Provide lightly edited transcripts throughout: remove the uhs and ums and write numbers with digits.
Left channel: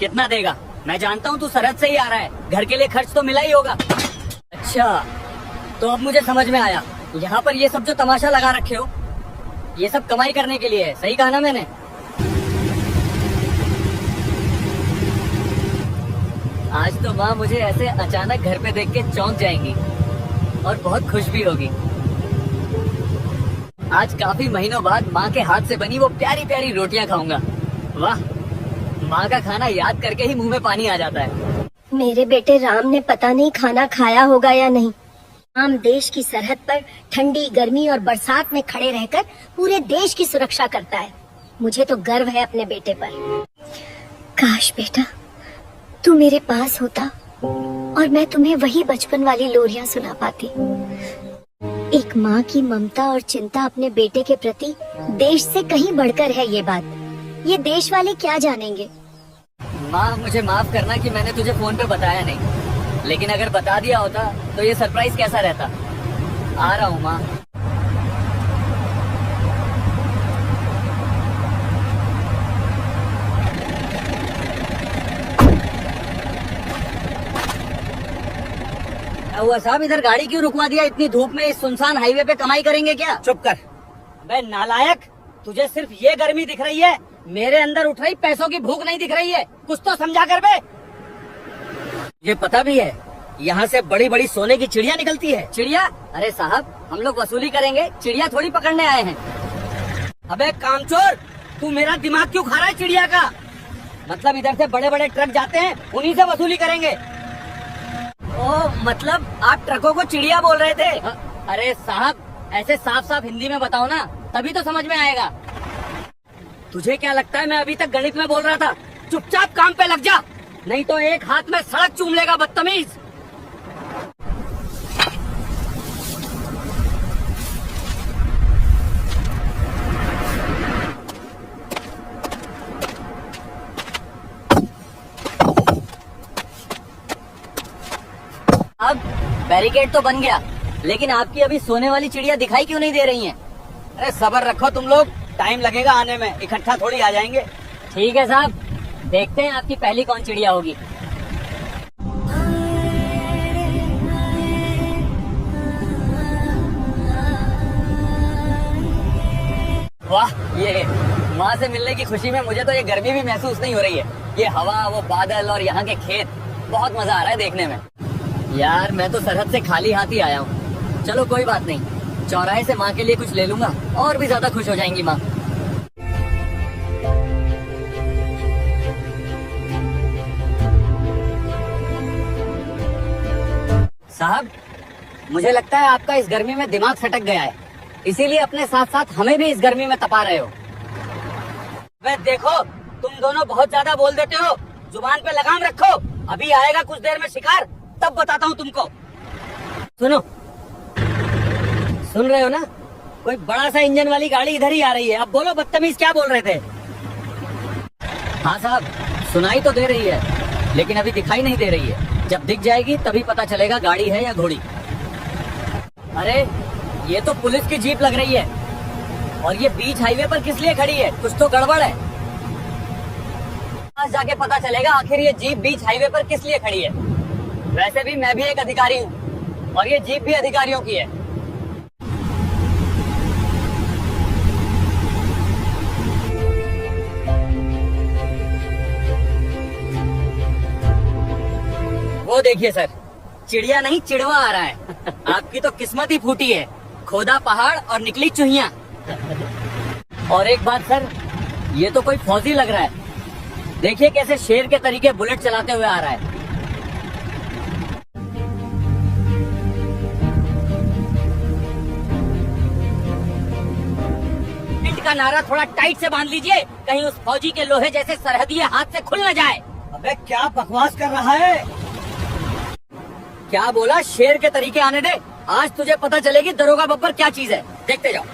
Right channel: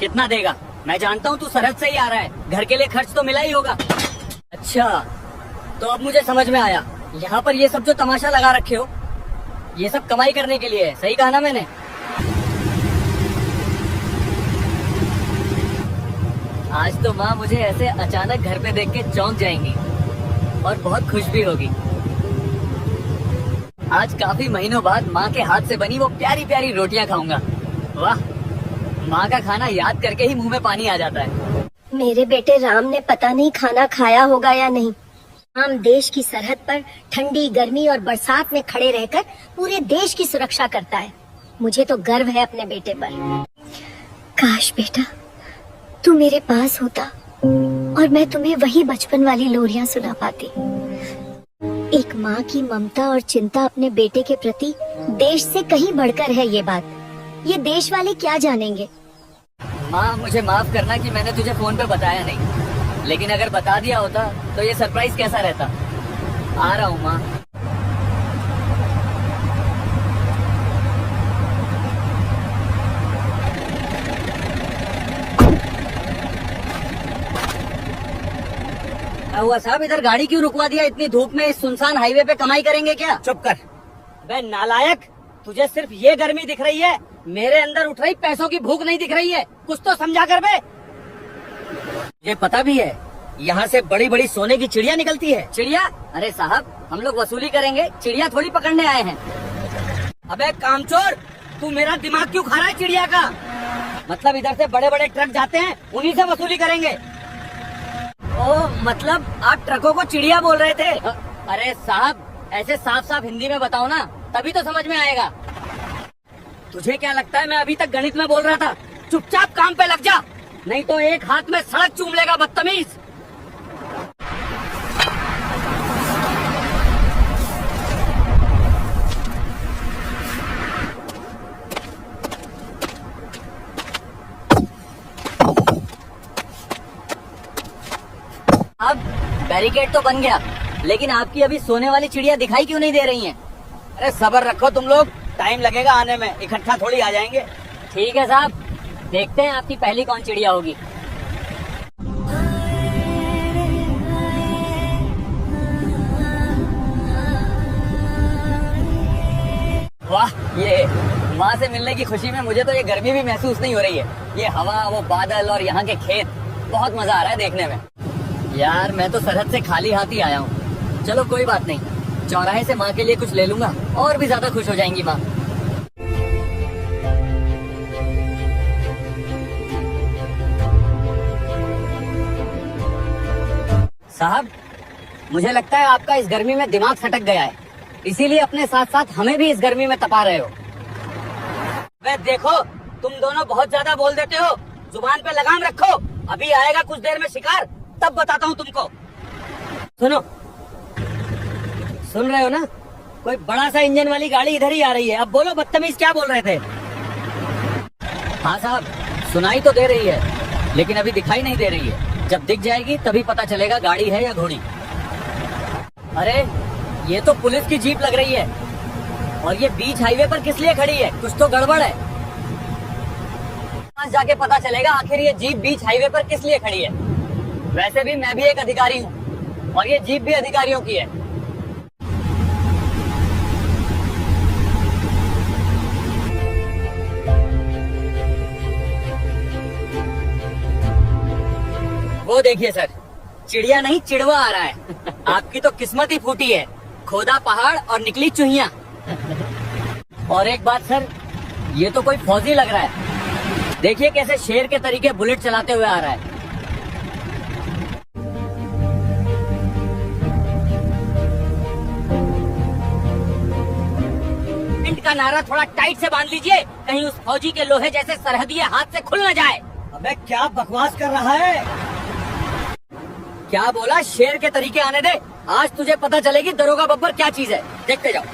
कितना देगा? मैं जानता हूँ तू सरहद से ही आ रहा है, घर के लिए खर्च तो मिला ही होगा। अच्छा, तो अब मुझे समझ में आया, यहाँ पर ये सब जो तमाशा लगा रखे हो, ये सब कमाई करने के लिए है। सही कहा ना मैंने? आज तो माँ मुझे ऐसे अचानक घर पे देख के चौंक जाएंगी और बहुत खुश भी होगी। आज काफी महीनों बाद माँ के हाथ से बनी वो प्यारी प्यारी रोटियाँ खाऊंगा। वाह, माँ का खाना याद करके ही मुंह में पानी आ जाता है। मेरे बेटे राम ने पता नहीं खाना खाया होगा या नहीं। राम देश की सरहद पर ठंडी, गर्मी और बरसात में खड़े रहकर पूरे देश की सुरक्षा करता है। मुझे तो गर्व है अपने बेटे पर। काश बेटा तू मेरे पास होता और मैं तुम्हें वही बचपन वाली लोरियां सुना पाती। एक माँ की ममता और चिंता अपने बेटे के प्रति देश से कहीं बढ़कर है। ये बात ये देश वाले क्या जानेंगे। माँ मुझे माफ करना कि मैंने तुझे फोन पे बताया नहीं, लेकिन अगर बता दिया होता तो ये सरप्राइज कैसा रहता। आ रहा हूँ माँ। क्या हुआ साहब, इधर गाड़ी क्यों रुकवा दिया? इतनी धूप में इस सुनसान हाईवे पे कमाई करेंगे क्या? चुप कर। बे नालायक, तुझे सिर्फ ये गर्मी दिख रही है, मेरे अंदर उठ रही पैसों की भूख नहीं दिख रही है। कुछ तो समझा कर बे। ये पता भी है यहाँ से बड़ी बड़ी सोने की चिड़िया निकलती है। चिड़िया? अरे साहब हम लोग वसूली करेंगे, चिड़िया थोड़ी पकड़ने आए हैं। अबे कामचोर, तू मेरा दिमाग क्यों खा रहा है चिड़िया का? मतलब इधर से बड़े बड़े ट्रक जाते हैं, उन्हीं से वसूली करेंगे। ओ मतलब आप ट्रकों को चिड़िया बोल रहे थे? अरे साहब ऐसे साफ साफ हिंदी में बताओ ना, तभी तो समझ में आएगा। तुझे क्या लगता है मैं अभी तक गणित में बोल रहा था? चुपचाप काम पे लग जा, नहीं तो एक हाथ में सड़क चूम लेगा बदतमीज। अब बैरिकेड तो बन गया, लेकिन आपकी अभी सोने वाली चिड़िया दिखाई क्यों नहीं दे रही हैं? अरे सब्र रखो तुम लोग, टाइम लगेगा आने में, इकट्ठा थोड़ी आ जाएंगे। ठीक है साहब, देखते हैं आपकी पहली कौन चिड़िया होगी। वाह, ये माँ से मिलने की खुशी में मुझे तो ये गर्मी भी महसूस नहीं हो रही है। ये हवा, वो बादल और यहाँ के खेत, बहुत मजा आ रहा है देखने में। यार मैं तो सरहद से खाली हाथ ही आया हूँ। चलो कोई बात नहीं, चौराहे से माँ के लिए कुछ ले लूंगा, और भी ज्यादा खुश हो जाएंगी माँ। साहब मुझे लगता है आपका इस गर्मी में दिमाग सटक गया है, इसीलिए अपने साथ साथ हमें भी इस गर्मी में तपा रहे हो। अबे देखो, तुम दोनों बहुत ज्यादा बोल देते हो, जुबान पे लगाम रखो। अभी आएगा कुछ देर में शिकार, तब बताता हूँ तुमको। सुनो, सुन रहे हो ना? कोई बड़ा सा इंजन वाली गाड़ी इधर ही आ रही है। अब बोलो बदतमीज, क्या बोल रहे थे? हाँ साहब सुनाई तो दे रही है, लेकिन अभी दिखाई नहीं दे रही है। जब दिख जाएगी तभी पता चलेगा गाड़ी है या घोड़ी। अरे ये तो पुलिस की जीप लग रही है, और ये बीच हाईवे पर किस लिए खड़ी है? कुछ तो गड़बड़ है। आज जाके पता चलेगा आखिर ये जीप बीच हाईवे पर किस लिए खड़ी है। वैसे भी मैं भी एक अधिकारी हूँ, और ये जीप भी अधिकारियों की है। वो देखिए सर, चिड़िया नहीं चिड़वा आ रहा है। आपकी तो किस्मत ही फूटी है, खोदा पहाड़ और निकली चूहिया। और एक बात सर, ये तो कोई फौजी लग रहा है। देखिए कैसे शेर के तरीके बुलेट चलाते हुए आ रहा है। इंट का नारा थोड़ा टाइट से बांध लीजिए, कहीं उस फौजी के लोहे जैसे सरहदी हाथ से खुल न जाए। अबे क्या बकवास कर रहा है? क्या बोला? शेर के तरीके आने दे, आज तुझे पता चलेगी दरोगा बब्बर क्या चीज है। देखते जाओ।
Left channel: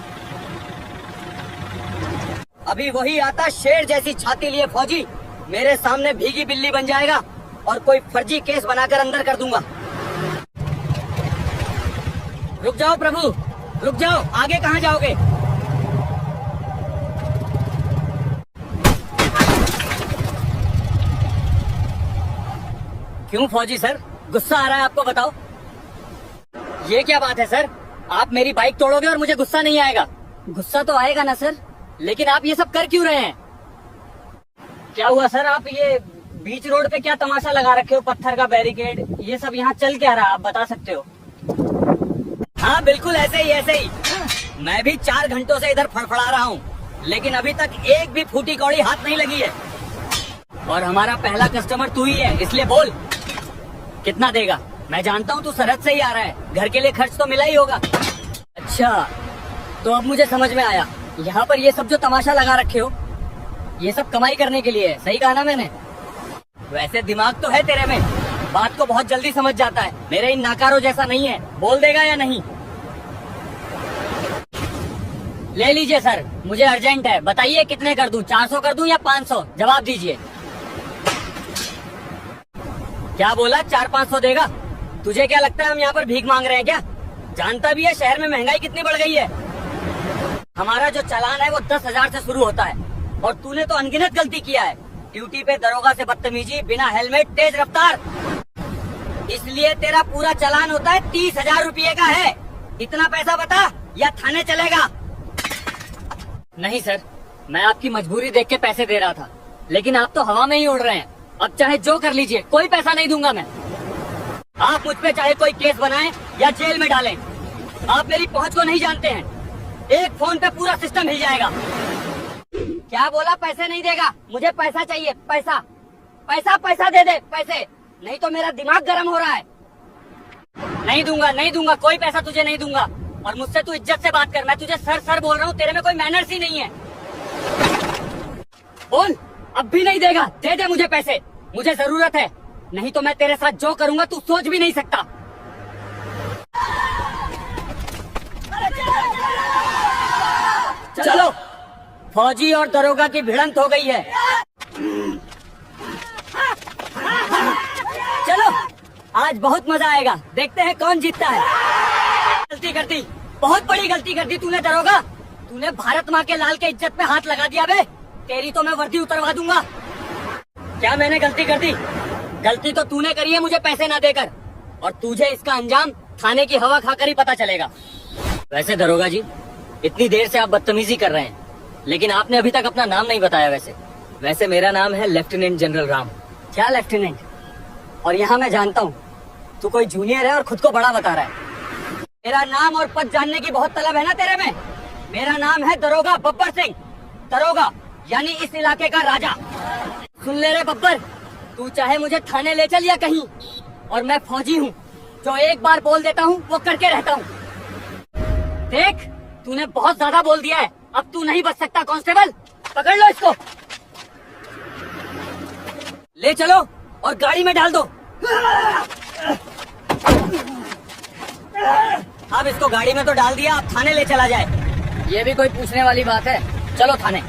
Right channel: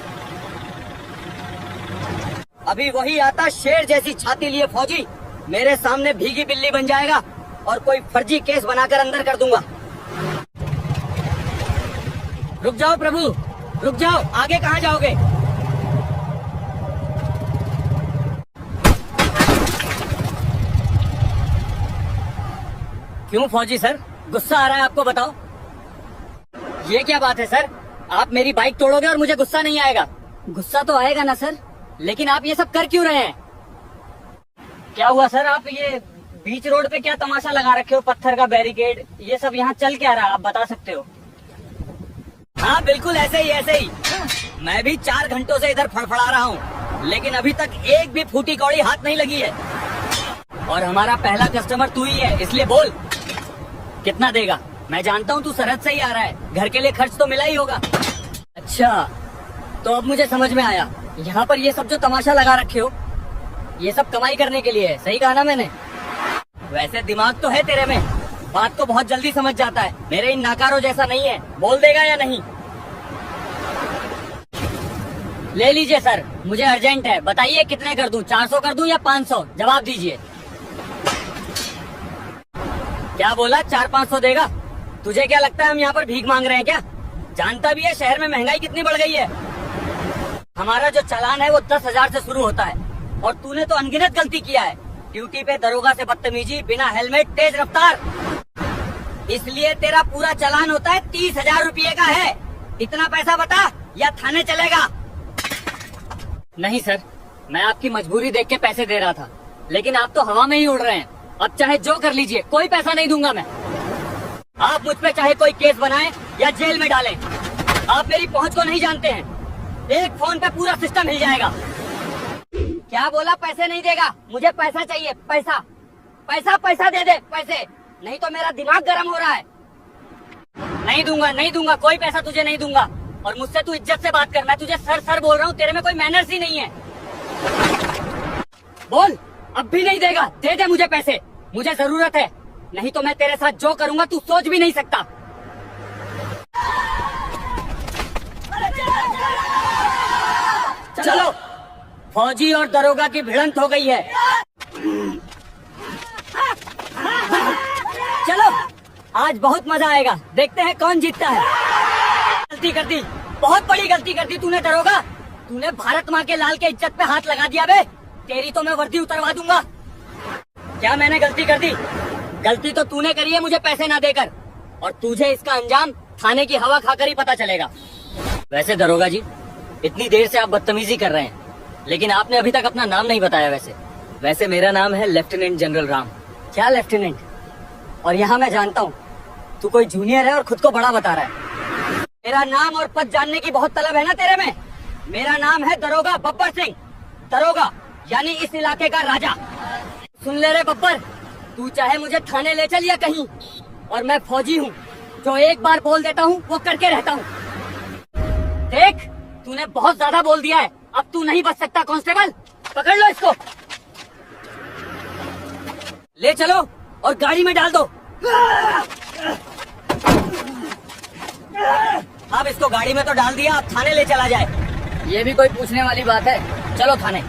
अभी वही आता शेर जैसी छाती लिए फौजी मेरे सामने भीगी बिल्ली बन जाएगा, और कोई फर्जी केस बनाकर अंदर कर दूंगा। रुक जाओ प्रभु, रुक जाओ, आगे कहाँ जाओगे? क्यों फौजी सर, गुस्सा आ रहा है आपको? बताओ। ये क्या बात है सर, आप मेरी बाइक तोड़ोगे और मुझे गुस्सा नहीं आएगा? गुस्सा तो आएगा ना सर, लेकिन आप ये सब कर क्यों रहे हैं? क्या हुआ सर, आप ये बीच रोड पे क्या तमाशा लगा रखे हो? पत्थर का बैरिकेड, ये सब यहाँ चल क्या रहा है, आप बता सकते हो? हाँ बिल्कुल ऐसे ही ऐसे ही। मैं भी 4 घंटों से इधर फड़फड़ा रहा हूँ, लेकिन अभी तक एक भी फूटी कौड़ी हाथ नहीं लगी है। और हमारा पहला कस्टमर तू ही है, इसलिए बोल कितना देगा? मैं जानता हूँ तू सरहद से ही आ रहा है, घर के लिए खर्च तो मिला ही होगा। अच्छा, तो अब मुझे समझ में आया, यहाँ पर ये सब जो तमाशा लगा रखे हो, ये सब कमाई करने के लिए है, सही कहा ना मैंने? वैसे दिमाग तो है तेरे में, बात को बहुत जल्दी समझ जाता है। मेरे इन नाकारों जैसा नहीं है। बोल देगा या नहीं? ले लीजिए सर, मुझे अर्जेंट है, बताइए कितने कर दूं? 400 कर दूं या 500? जवाब दीजिए। क्या बोला? 400-500 देगा? तुझे क्या लगता है हम यहाँ पर भीख मांग रहे हैं क्या? जानता भी है शहर में महंगाई कितनी बढ़ गई है। हमारा जो चालान है वो 10,000 से शुरू होता है, और तूने तो अनगिनत गलती किया है। ड्यूटी पे दरोगा से बदतमीजी, बिना हेलमेट, तेज रफ्तार, इसलिए तेरा पूरा चालान होता है 30,000 रुपये का है। इतना पैसा बता या थाने चलेगा? नहीं सर, मैं आपकी मजबूरी देख के पैसे दे रहा था, लेकिन आप तो हवा में ही उड़ रहे हैं। अब चाहे जो कर लीजिए, कोई पैसा नहीं दूंगा मैं। आप मुझ पे चाहे कोई केस बनाएं या जेल में डालें, आप मेरी पहुंच को नहीं जानते हैं। एक फोन पे पूरा सिस्टम हिल जाएगा। क्या बोला? पैसे नहीं देगा? मुझे पैसा चाहिए, पैसा पैसा पैसा दे दे पैसे, नहीं तो मेरा दिमाग गर्म हो रहा है। नहीं दूंगा, नहीं दूंगा, कोई पैसा तुझे नहीं दूंगा। और मुझसे तू इज्जत से बात कर, मैं तुझे सर सर बोल रहा हूँ, तेरे में कोई मैनर्स ही नहीं है। बोल, अब भी नहीं देगा? दे दे मुझे पैसे, मुझे जरूरत है, नहीं तो मैं तेरे साथ जो करूंगा तू सोच भी नहीं सकता। चलो, फौजी और दरोगा की भिड़ंत हो गई है। चलो, आज बहुत मजा आएगा, देखते हैं कौन जीतता है। गलती कर दी, बहुत बड़ी गलती कर दी तूने दरोगा। तूने भारत माँ के लाल के इज्जत पे हाथ लगा दिया बे। तेरी तो मैं वर्दी उतरवा दूंगा। क्या मैंने गलती कर दी? गलती तो तूने करी है मुझे पैसे ना देकर, और तुझे इसका अंजाम थाने की हवा खाकर ही पता चलेगा। वैसे दरोगा जी, इतनी देर से आप बदतमीजी कर रहे हैं, लेकिन आपने अभी तक अपना नाम नहीं बताया। वैसे मेरा नाम है लेफ्टिनेंट जनरल राम। क्या लेफ्टिनेंट? और यहाँ मैं जानता हूँ तू कोई जूनियर है और खुद को बड़ा बता रहा है। मेरा नाम और पद जानने की बहुत तलब है ना तेरे में? मेरा नाम है दरोगा बब्बर सिंह। दरोगा यानी इस इलाके का राजा। सुन ले रे बब्बर, तू चाहे मुझे थाने ले चल या कहीं, और मैं फौजी हूँ, जो एक बार बोल देता हूँ वो करके रहता हूँ। देख, तूने बहुत ज्यादा बोल दिया है, अब तू नहीं बच सकता। कांस्टेबल, पकड़ लो इसको, ले चलो और गाड़ी में डाल दो। अब इसको गाड़ी में तो डाल दिया, थाने ले चला जाए। ये भी कोई पूछने वाली बात है? चलो थाने।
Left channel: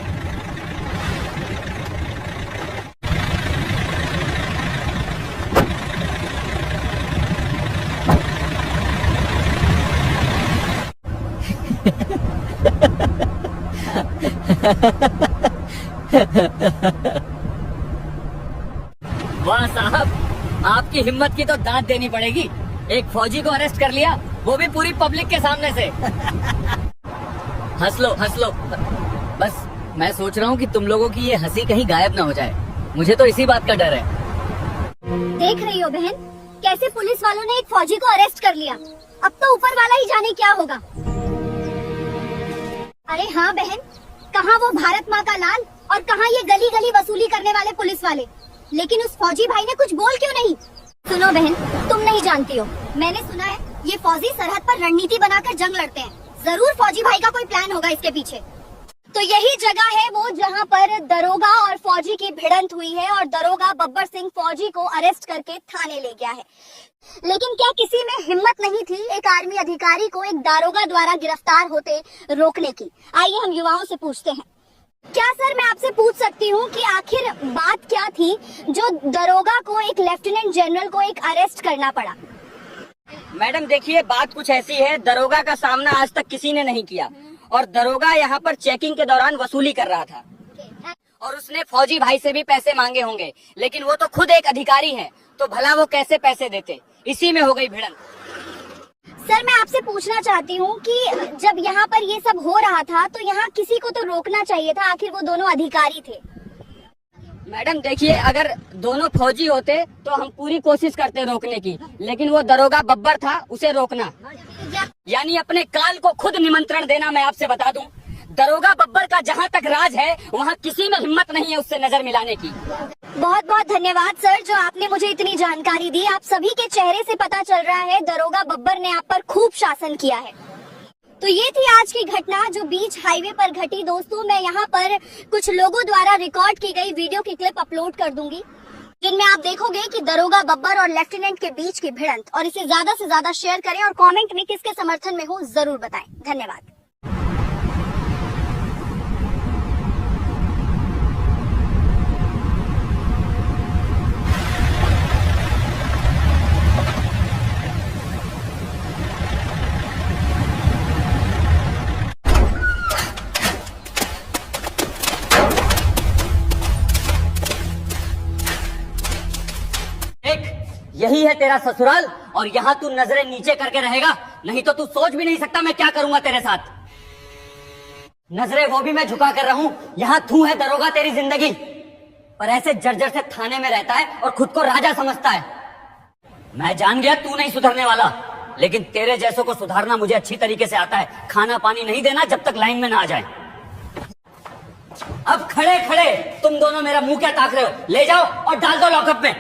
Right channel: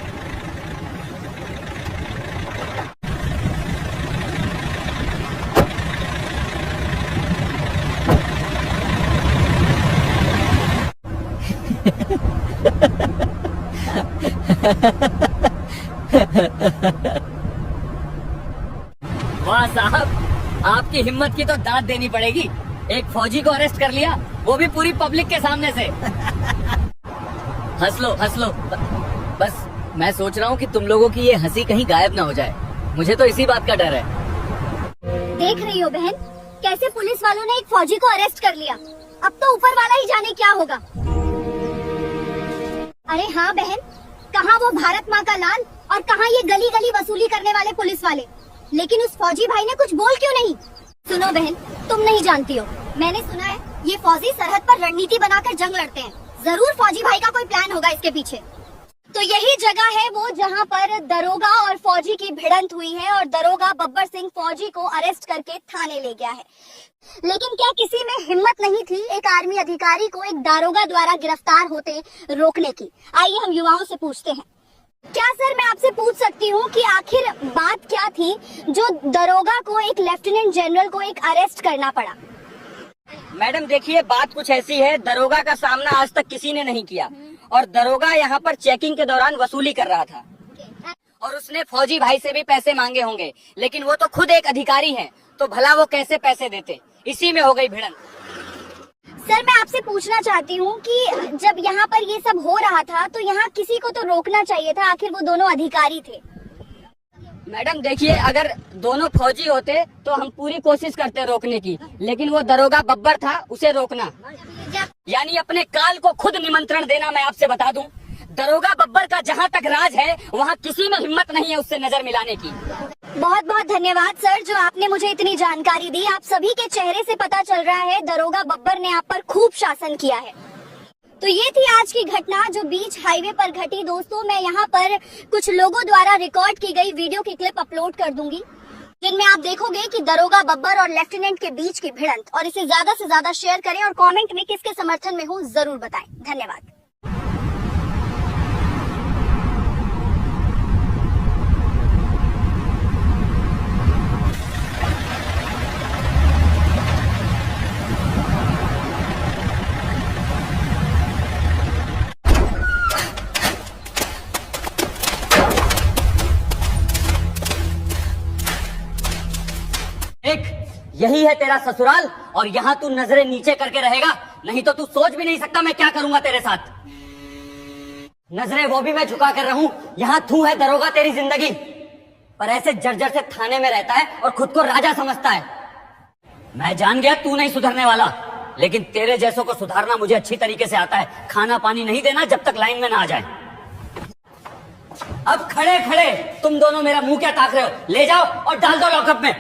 वाह साहब, आपकी हिम्मत की तो दाद देनी पड़ेगी। एक फौजी को अरेस्ट कर लिया, वो भी पूरी पब्लिक के सामने से। हंस लो हंस लो। बस मैं सोच रहा हूँ कि तुम लोगों की ये हंसी कहीं गायब ना हो जाए, मुझे तो इसी बात का डर है। देख रही हो बहन, कैसे पुलिस वालों ने एक फौजी को अरेस्ट कर लिया। अब तो ऊपर वाला ही जाने क्या होगा। अरे हाँ बहन, कहाँ वो भारत माँ का लाल और कहाँ ये गली गली वसूली करने वाले पुलिस वाले। लेकिन उस फौजी भाई ने कुछ बोल क्यों नहीं? सुनो बहन, तुम नहीं जानती हो, मैंने सुना है ये फौजी सरहद पर रणनीति बनाकर जंग लड़ते हैं। जरूर फौजी भाई का कोई प्लान होगा इसके पीछे। तो यही जगह है वो जहाँ पर दरोगा और फौजी की भिड़ंत हुई है, और दरोगा बब्बर सिंह फौजी को अरेस्ट करके थाने ले गया है। लेकिन क्या किसी में हिम्मत नहीं थी एक आर्मी अधिकारी को एक दारोगा द्वारा गिरफ्तार होते रोकने की? आइए हम युवाओं से पूछते हैं। क्या सर, मैं आपसे पूछ सकती हूँ कि आखिर बात क्या थी जो दरोगा को, एक लेफ्टिनेंट जनरल को एक अरेस्ट करना पड़ा? मैडम देखिए, बात कुछ ऐसी है, दरोगा का सामना आज तक किसी ने नहीं किया, और दरोगा यहाँ पर चेकिंग के दौरान वसूली कर रहा था, और उसने फौजी भाई से भी पैसे मांगे होंगे, लेकिन वो तो खुद एक अधिकारी हैं, तो भला वो कैसे पैसे देते। इसी में हो गई भिड़ंत। सर मैं आपसे पूछना चाहती हूँ कि जब यहाँ पर ये सब हो रहा था तो यहाँ किसी को तो रोकना चाहिए था, आखिर वो दोनों अधिकारी थे। मैडम देखिए, अगर दोनों फौजी होते तो हम पूरी कोशिश करते रोकने की, लेकिन वो दरोगा बब्बर था, उसे रोकना यानी अपने काल को खुद निमंत्रण देना। मैं आपसे बता दूं, दरोगा बब्बर का जहाँ तक राज है वहाँ किसी में हिम्मत नहीं है उससे नजर मिलाने की। बहुत बहुत धन्यवाद सर, जो आपने मुझे इतनी जानकारी दी। आप सभी के चेहरे से पता चल रहा है दरोगा बब्बर ने आप पर खूब शासन किया है। तो ये थी आज की घटना जो बीच हाईवे पर घटी। दोस्तों मैं यहाँ पर कुछ लोगों द्वारा रिकॉर्ड की गई वीडियो की क्लिप अपलोड कर दूंगी, जिनमें आप देखोगे कि दरोगा बब्बर और लेफ्टिनेंट के बीच की भिड़ंत। और इसे ज्यादा से ज्यादा शेयर करें और कमेंट में किसके समर्थन में हो जरूर बताएं। धन्यवाद। यही है तेरा ससुराल और यहाँ तू नजरें नीचे करके रहेगा, नहीं तो तू सोच भी नहीं सकता मैं क्या करूंगा तेरे साथ। नजरें वो भी मैं झुका कर रहा हूँ। यहाँ तू है दरोगा तेरी जिंदगी, पर ऐसे जर्जर से थाने में रहता है और खुद को राजा समझता है। मैं जान गया तू नहीं सुधरने वाला, लेकिन तेरे जैसों को सुधारना मुझे अच्छी तरीके से आता है। खाना पानी नहीं देना जब तक लाइन में ना आ जाए। अब खड़े खड़े तुम दोनों मेरा मुंह क्या ताक रहे हो? ले जाओ और डाल दो लॉकअप में।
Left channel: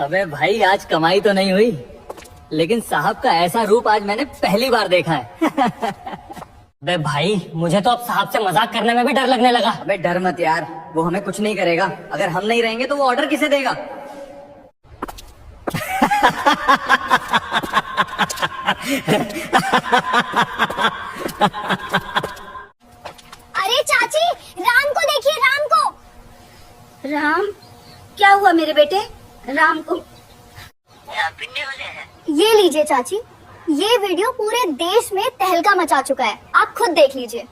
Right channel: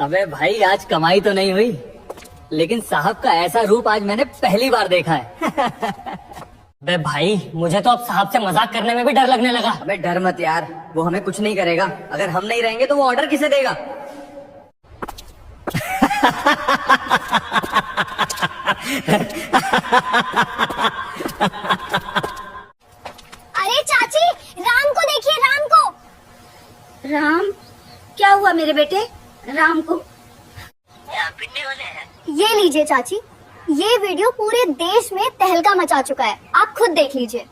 अबे भाई आज कमाई तो नहीं हुई, लेकिन साहब का ऐसा रूप आज मैंने पहली बार देखा है। अबे भाई मुझे तो अब साहब से मजाक करने में भी डर लगने लगा। अबे डर मत यार, वो हमें कुछ नहीं करेगा। अगर हम नहीं रहेंगे तो वो ऑर्डर किसे देगा? अरे चाची, राम को देखिए, राम को। राम, क्या हुआ मेरे बेटे? राम को ये लीजिए चाची, ये वीडियो पूरे देश में तहलका मचा चुका है, आप खुद देख लीजिए।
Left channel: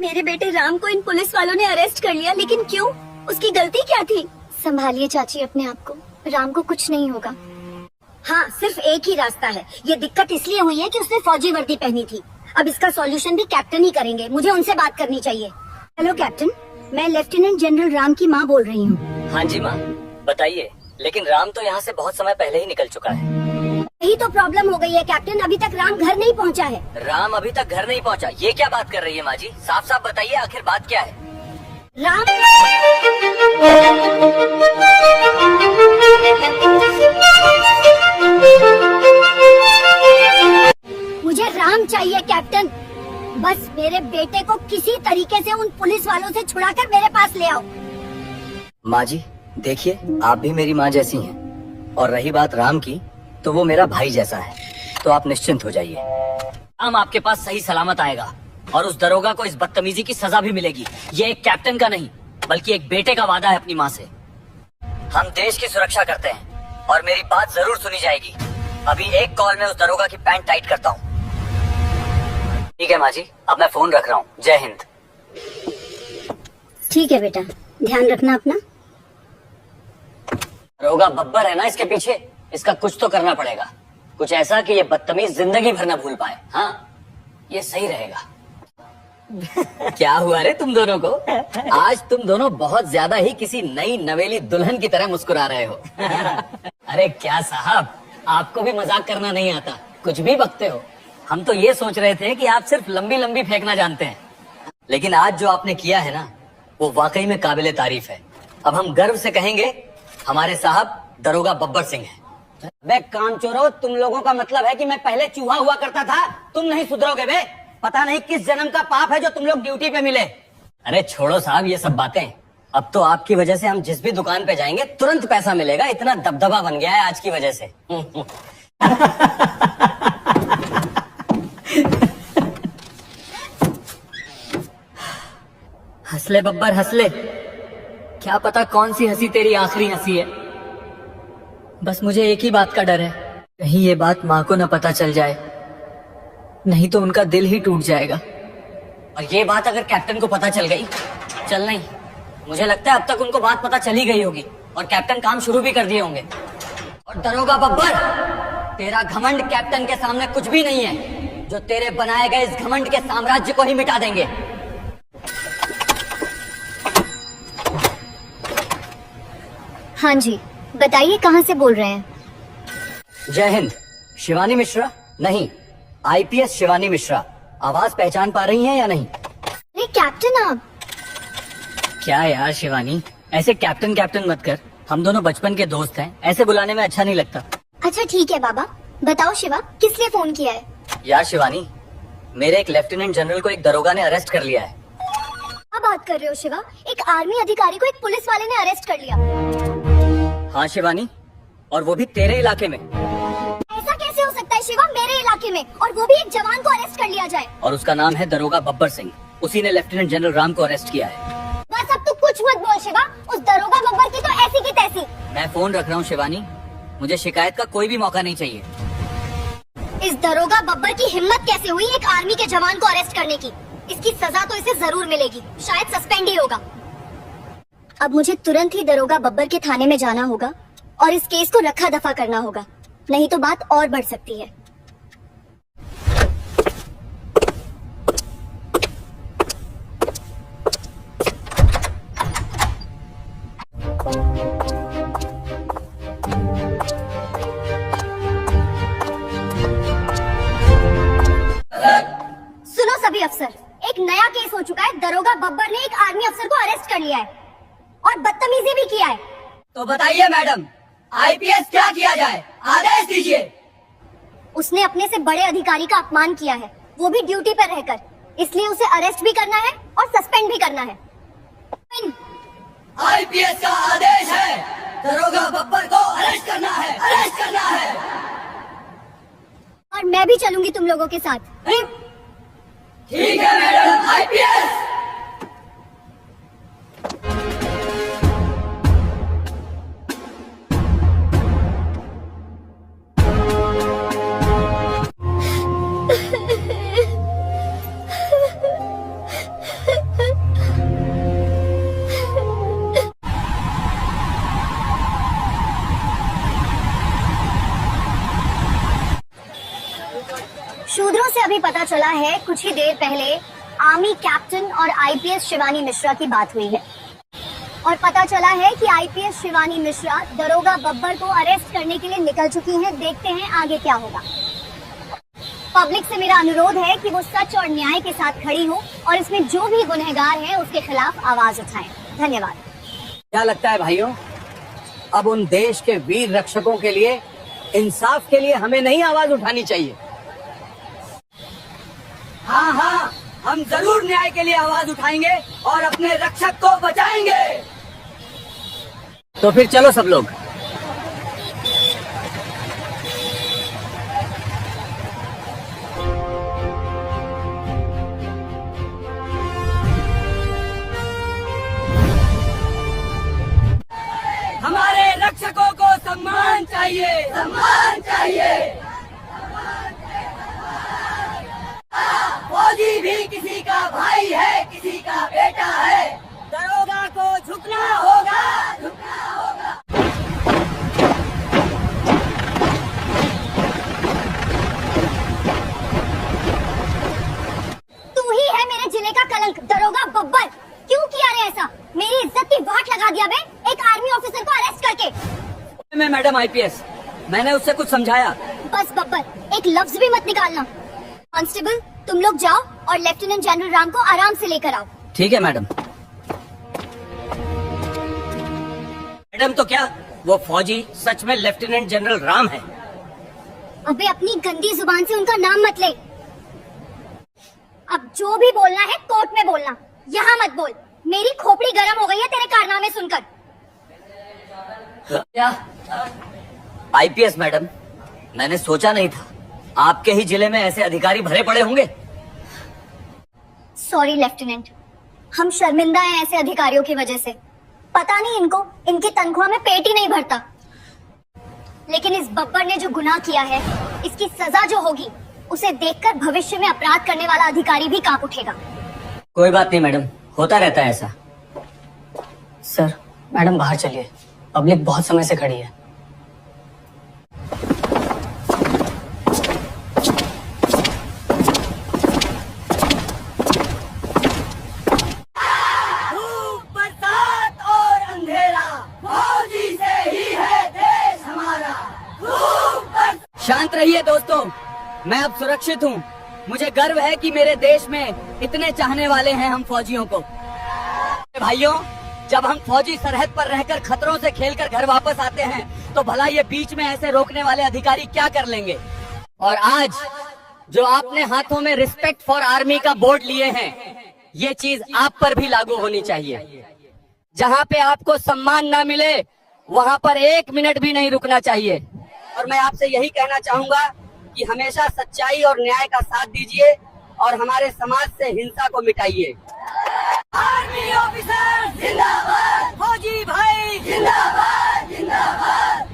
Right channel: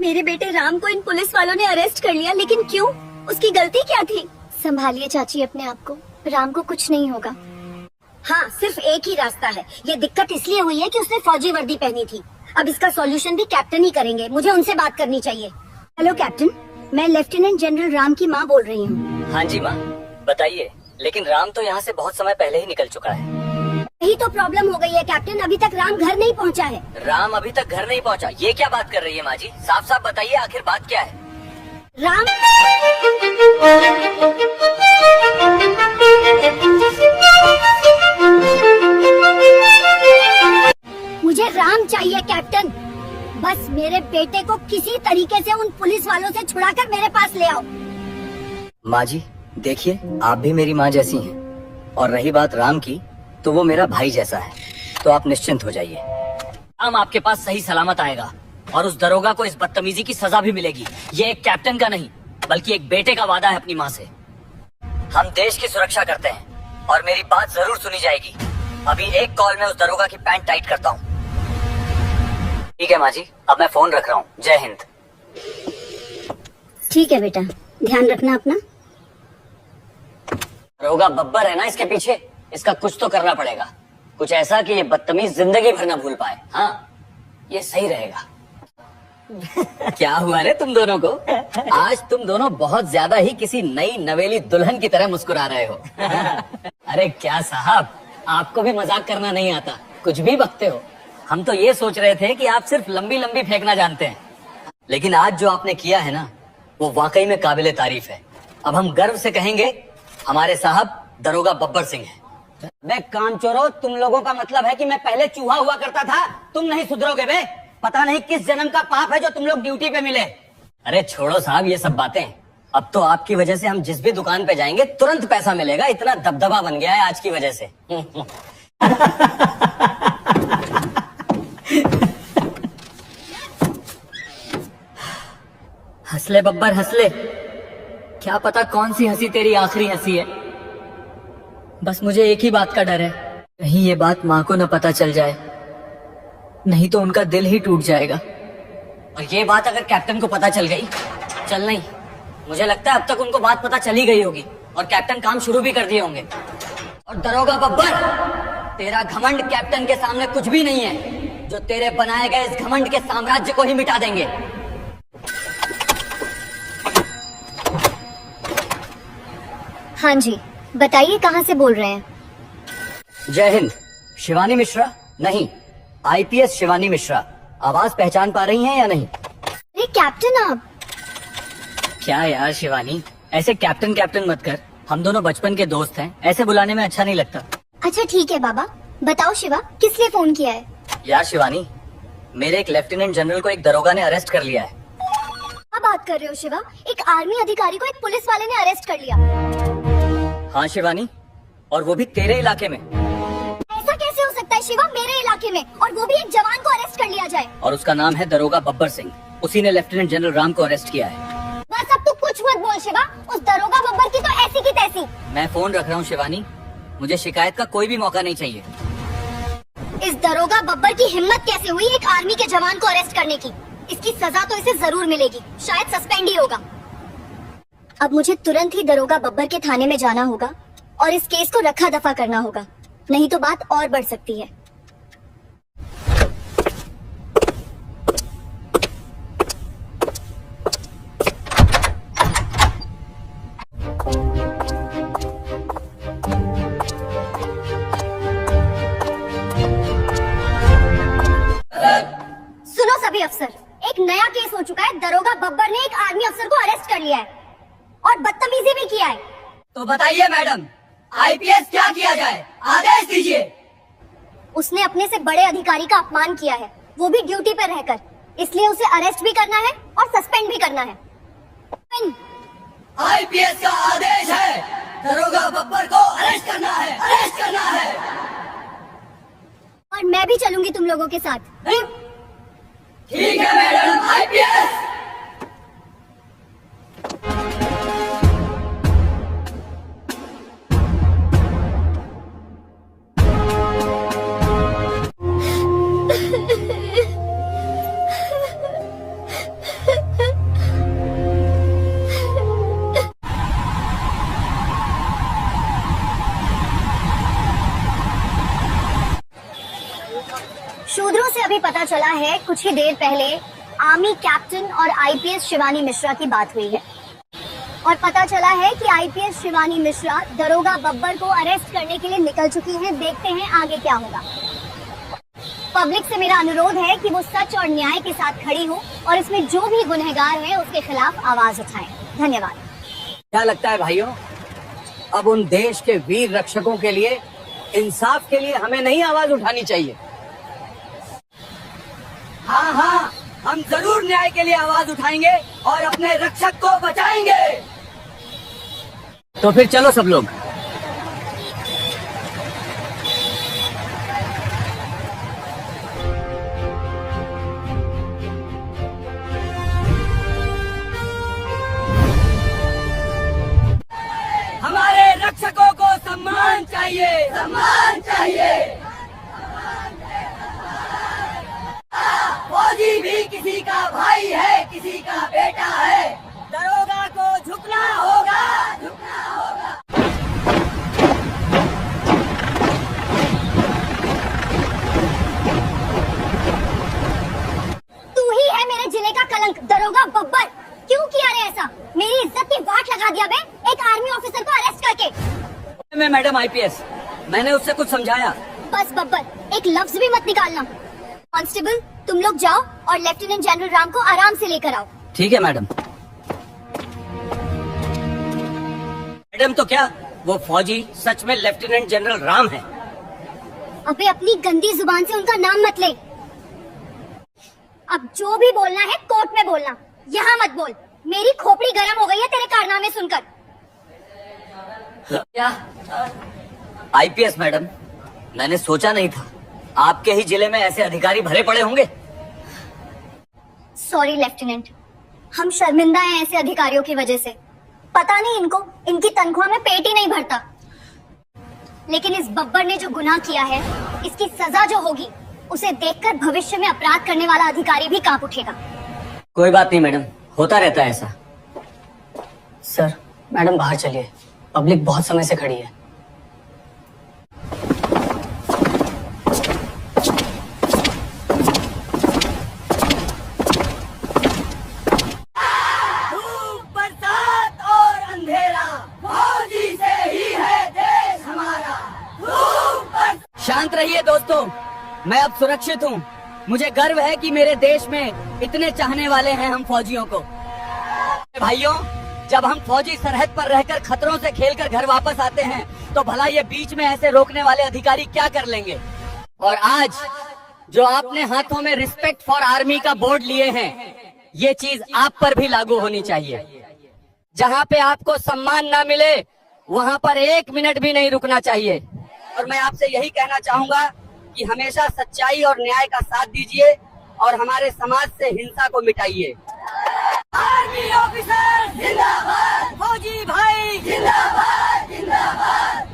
मेरे बेटे राम को इन पुलिस वालों ने अरेस्ट कर लिया, लेकिन क्यों? उसकी गलती क्या थी? संभालिए चाची अपने आप को, राम को कुछ नहीं होगा। हाँ, सिर्फ एक ही रास्ता है। ये दिक्कत इसलिए हुई है कि उसने फौजी वर्दी पहनी थी। अब इसका सॉल्यूशन भी कैप्टन ही करेंगे, मुझे उनसे बात करनी चाहिए। हेलो कैप्टन, मैं लेफ्टिनेंट जनरल राम की माँ बोल रही हूँ। हाँ जी माँ, बताइए। लेकिन राम तो यहाँ से बहुत समय पहले ही निकल चुका है। यही तो प्रॉब्लम हो गई है कैप्टन, अभी तक राम घर नहीं पहुँचा है। राम अभी तक घर नहीं पहुँचा? ये क्या बात कर रही है माँ जी? साफ साफ बताइए आखिर बात क्या है? राम मुझे राम चाहिए कैप्टन, बस मेरे बेटे को किसी तरीके से उन पुलिस वालों से छुड़ाकर मेरे पास ले आओ। माँ जी देखिए, आप भी मेरी माँ जैसी हैं, और रही बात राम की तो वो मेरा भाई जैसा है, तो आप निश्चिंत हो जाइए। राम आपके पास सही सलामत आएगा और उस दरोगा को इस बदतमीजी की सजा भी मिलेगी। ये एक कैप्टन का नहीं बल्कि एक बेटे का वादा है अपनी माँ से। हम देश की सुरक्षा करते हैं और मेरी बात जरूर सुनी जाएगी। अभी एक कॉल में उस दरोगा की पैंट टाइट करता हूँ। ठीक है माँ जी, अब मैं फोन रख रहा हूँ। जय हिंद। ठीक है बेटा, ध्यान रखना अपना। दरोगा बब्बर है ना इसके पीछे, इसका कुछ तो करना पड़ेगा। कुछ ऐसा कि ये बदतमीज जिंदगी भर ना भूल पाए। हाँ, ये सही रहेगा। क्या हुआ रे तुम दोनों को? आज तुम दोनों बहुत ज्यादा ही किसी नई नवेली दुल्हन की तरह मुस्कुरा रहे हो। अरे क्या साहब, आपको भी मजाक करना नहीं आता, कुछ भी बकते हो। हम तो ये सोच रहे थे कि आप सिर्फ लंबी लंबी फेंकना जानते हैं, लेकिन आज जो आपने किया है ना, वो वाकई में काबिले तारीफ है। अब हम गर्व से कहेंगे हमारे साहब दरोगा बब्बर सिंह हैं। बे कामचोरों, तुम लोगों का मतलब है कि मैं पहले चूहा हुआ करता था, तुम नहीं सुधरोगे बे। पता नहीं किस जन्म का पाप है जो तुम लोग ड्यूटी पे मिले। अरे छोड़ो साहब ये सब बातें, अब तो आपकी वजह से हम जिस भी दुकान पे जाएंगे तुरंत पैसा मिलेगा, इतना दबदबा बन गया है आज की वजह से। हंसले बब्बर हंसले, क्या पता कौन सी हंसी तेरी आखिरी हंसी है। बस मुझे एक ही बात का डर है, कहीं ये बात माँ को न पता चल जाए, नहीं तो उनका दिल ही टूट जाएगा। और ये बात अगर कैप्टन को पता चल गई, चल नहीं, मुझे लगता है अब तक उनको बात पता चली गई होगी और कैप्टन काम शुरू भी कर दिए होंगे। और दरोगा बब्बर, तेरा घमंड कैप्टन के सामने कुछ भी नहीं है, जो तेरे बनाए गए इस घमंड के साम्राज्य को ही मिटा देंगे। हाँ जी, बताइए कहाँ से बोल रहे हैं? जय हिंद। शिवानी मिश्रा? नहीं, आईपीएस शिवानी मिश्रा। आवाज पहचान पा रही हैं या नहीं? अरे कैप्टन आप! क्या यार शिवानी, ऐसे कैप्टन कैप्टन मत कर, हम दोनों बचपन के दोस्त हैं, ऐसे बुलाने में अच्छा नहीं लगता। अच्छा ठीक है बाबा, बताओ शिवा, किस लिए फोन किया है? यार शिवानी, मेरे एक लेफ्टिनेंट जनरल को एक दरोगा ने अरेस्ट कर लिया है। क्या बात कर रहे हो शिवा? एक आर्मी अधिकारी को एक पुलिस वाले ने अरेस्ट कर लिया? हाँ शिवानी, और वो भी तेरे इलाके में। ऐसा कैसे हो सकता है शिवा, मेरे इलाके में, और वो भी एक जवान को अरेस्ट कर लिया जाए? और उसका नाम है दरोगा बब्बर सिंह, उसी ने लेफ्टिनेंट जनरल राम को अरेस्ट किया है। बस अब तू कुछ मत बोल शिवा, उस दरोगा बब्बर की तो ऐसी की तैसी। मैं फोन रख रहा हूँ शिवानी, मुझे शिकायत का कोई भी मौका नहीं चाहिए। इस दरोगा बब्बर की हिम्मत कैसे हुई एक आर्मी के जवान को अरेस्ट करने की? इसकी सजा तो इसे जरूर मिलेगी, शायद सस्पेंड ही होगा। अब मुझे तुरंत ही दरोगा बब्बर के थाने में जाना होगा और इस केस को रखा दफा करना होगा, नहीं तो बात और बढ़ सकती है। सुनो सभी अफसर, एक नया केस हो चुका है। दरोगा बब्बर ने एक आर्मी अफसर को अरेस्ट कर लिया है और बदतमीजी भी किया है। तो बताइए मैडम, आईपीएस क्या किया जाए, आदेश दीजिए। उसने अपने से बड़े अधिकारी का अपमान किया है, वो भी ड्यूटी पर रहकर, इसलिए उसे अरेस्ट भी करना है और सस्पेंड भी करना है। आईपीएस का आदेश है, दरोगा बब्बर को अरेस्ट करना है, अरेस्ट करना है। और मैं भी चलूंगी तुम लोगों के साथ। ठीक है मैडम, आईपीएस। शूद्रों से अभी पता चला है, कुछ ही देर पहले आर्मी कैप्टन और आईपीएस शिवानी मिश्रा की बात हुई है और पता चला है कि आईपीएस शिवानी मिश्रा दरोगा बब्बर को अरेस्ट करने के लिए निकल चुकी हैं। देखते हैं आगे क्या होगा। पब्लिक से मेरा अनुरोध है कि वो सच और न्याय के साथ खड़ी हो और इसमें जो भी गुनहगार है उसके खिलाफ आवाज उठाए। धन्यवाद। क्या लगता है भाइयों, अब उन देश के वीर रक्षकों के लिए, इंसाफ के लिए हमें नहीं आवाज उठानी चाहिए? हाँ हाँ, हम जरूर न्याय के लिए आवाज उठाएंगे और अपने रक्षक को बचाएंगे। तो फिर चलो सब लोग। हमारे रक्षकों को सम्मान चाहिए, सम्मान चाहिए। फौजी भी किसी का भाई है, किसी का बेटा है, दरोगा को झुकना होगा, झुकना होगा। तू ही है मेरे जिले का कलंक, दरोगा बब्बर। क्यों किया रे ऐसा? मेरी इज्जत की वाट लगा दिया बे, एक आर्मी ऑफिसर को अरेस्ट करके। मैं मैडम आईपीएस, मैंने उससे कुछ समझाया। बस बब्बर, एक लफ्ज भी मत निकालना। कांस्टेबल, तुम लोग जाओ और लेफ्टिनेंट जनरल राम को आराम से लेकर आओ। ठीक है मैडम। मैडम तो क्या, वो फौजी सच में लेफ्टिनेंट जनरल राम है। अबे अपनी गंदी जुबान से उनका नाम मत ले। अब जो भी बोलना है कोर्ट में बोलना, यहाँ मत बोल। मेरी खोपड़ी गर्म हो गई है तेरे कारनामे सुनकर। क्या? आईपीएस मैडम, मैंने सोचा नहीं था आपके ही जिले में ऐसे अधिकारी भरे पड़े होंगे। सॉरी लेफ्टिनेंट, हम शर्मिंदा हैं ऐसे अधिकारियों की वजह से। पता नहीं इनको इनकी तनख्वाह में पेट ही नहीं भरता। लेकिन इस बब्बर ने जो गुनाह किया है, इसकी सजा जो होगी उसे देखकर भविष्य में अपराध करने वाला अधिकारी भी कांप उठेगा। कोई बात नहीं मैडम, होता रहता है ऐसा। सर, मैडम बाहर चलिए, पब्लिक बहुत समय से खड़ी है। बरसात और अंधेरा, फौजी से ही है देश हमारा। शांत रहिए दोस्तों, मैं अब सुरक्षित हूँ। मुझे गर्व है कि मेरे देश में इतने चाहने वाले हैं हम फौजियों को। भाइयों, जब हम फौजी सरहद पर रहकर खतरों से खेलकर घर वापस आते हैं तो भला ये बीच में ऐसे रोकने वाले अधिकारी क्या कर लेंगे। और आज जो आपने हाथों में रिस्पेक्ट फॉर आर्मी का बोर्ड लिए हैं, ये चीज आप पर भी लागू होनी चाहिए। जहाँ पे आपको सम्मान ना मिले वहाँ पर 1 मिनट भी नहीं रुकना चाहिए। और मैं आपसे यही कहना चाहूंगा कि हमेशा सच्चाई और न्याय का साथ दीजिए और हमारे समाज से हिंसा को मिटाइए। आर्मी ऑफिसर जिंदाबाद, फौजी भाई जिंदाबाद जिंदाबाद।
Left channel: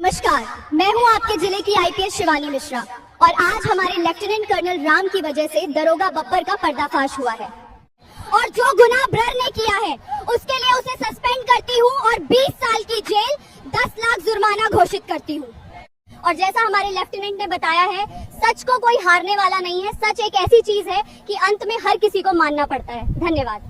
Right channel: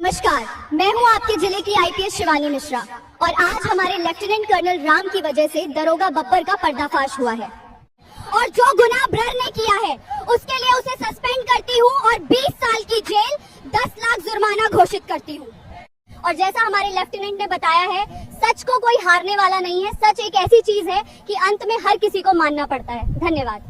नमस्कार, मैं हूं आपके जिले की आईपीएस शिवानी मिश्रा और आज हमारे लेफ्टिनेंट कर्नल राम की वजह से दरोगा बब्बर का पर्दाफाश हुआ है। और जो गुनाह ब्रर ने किया है उसके लिए उसे सस्पेंड करती हूं और 20 साल की जेल, 10 लाख जुर्माना घोषित करती हूं। और जैसा हमारे लेफ्टिनेंट ने बताया है, सच को कोई हारने वाला नहीं है। सच एक ऐसी चीज है कि अंत में हर किसी को मानना पड़ता है। धन्यवाद।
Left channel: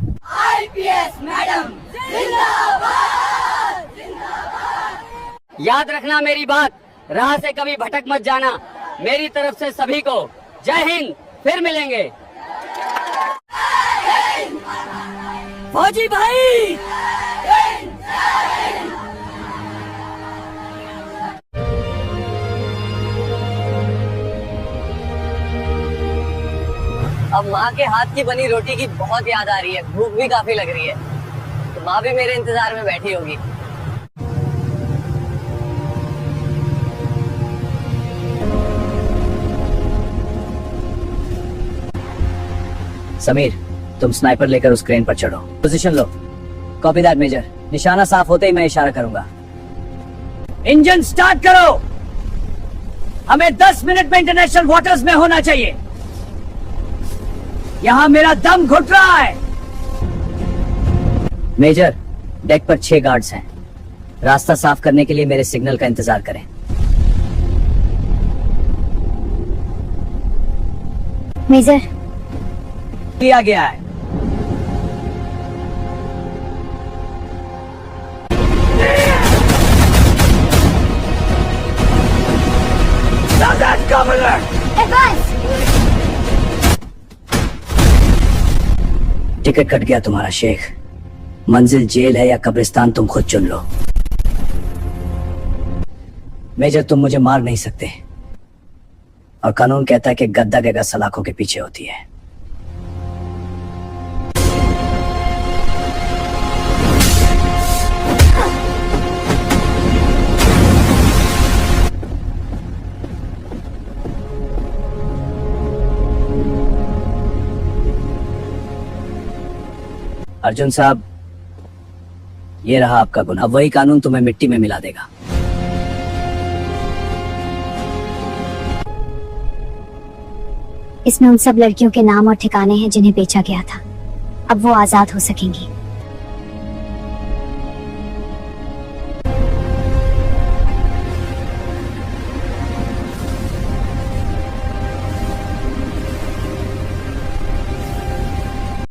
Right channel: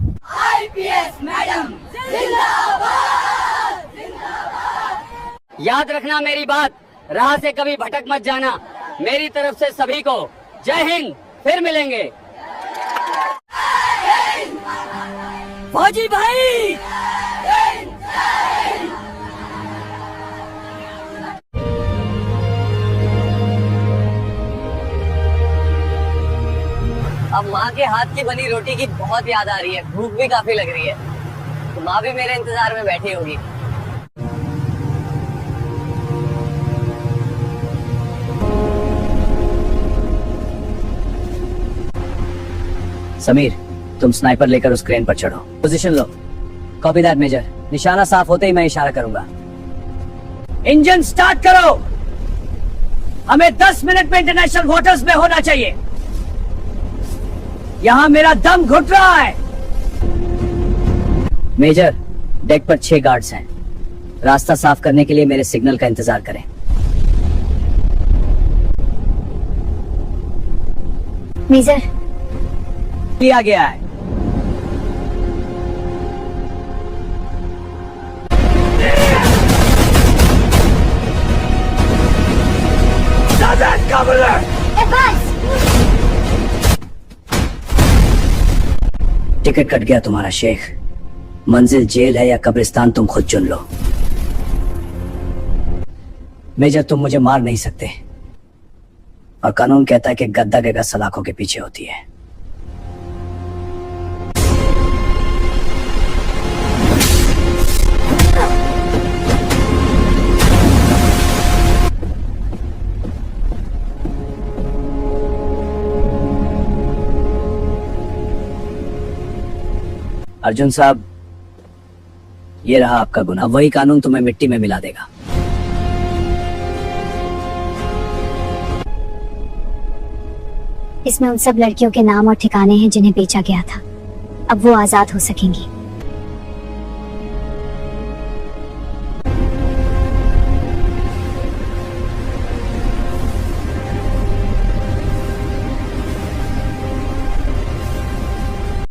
आईपीएस मैडम जिंदाबाद जिंदाबाद। याद रखना मेरी बात, राह से कभी भटक मत जाना। मेरी तरफ से सभी को जय हिंद, फिर मिलेंगे। फौजी भाई अब माँ के हाथ की बनी रोटी की बहुत याद आ रही है, भूख भी काफी लग रही है। तो माँ भी मेरे इंतजार में बैठी होगी। समीर, तुम स्नाइपर लेकर उस क्रेन पर चढ़ो। पोजीशन लो। Copy that major. निशाना साफ होते ही मैं इशारा करूंगा। इंजन स्टार्ट करो। हमें 10 मिनट में इंटरनेशनल वाटर्स में होना चाहिए। यहाँ मेरा दम घुट रहा है। मेजर, डेक पर 6 गार्ड्स हैं। रास्ता साफ करने के लिए मेरे सिग्नल का इंतजार करें। मेजर, किया गया है। एडवांस। टिकट कट गया तुम्हारा शेख। मंजिल जेल है या कब्रिस्तान, तुम खुद चुन लो। मेजर, तुम मुझे मार नहीं सकते और कानून कहता है कि गद्दा के सलाखों के पीछे होती है। अर्जुन साहब, ये रहा आपका गुनाह। वही कानून तुम्हें मिट्टी में मिला देगा। इसमें उन सब लड़कियों के नाम और ठिकाने हैं जिन्हें बेचा गया था। अब वो आजाद हो सकेंगी।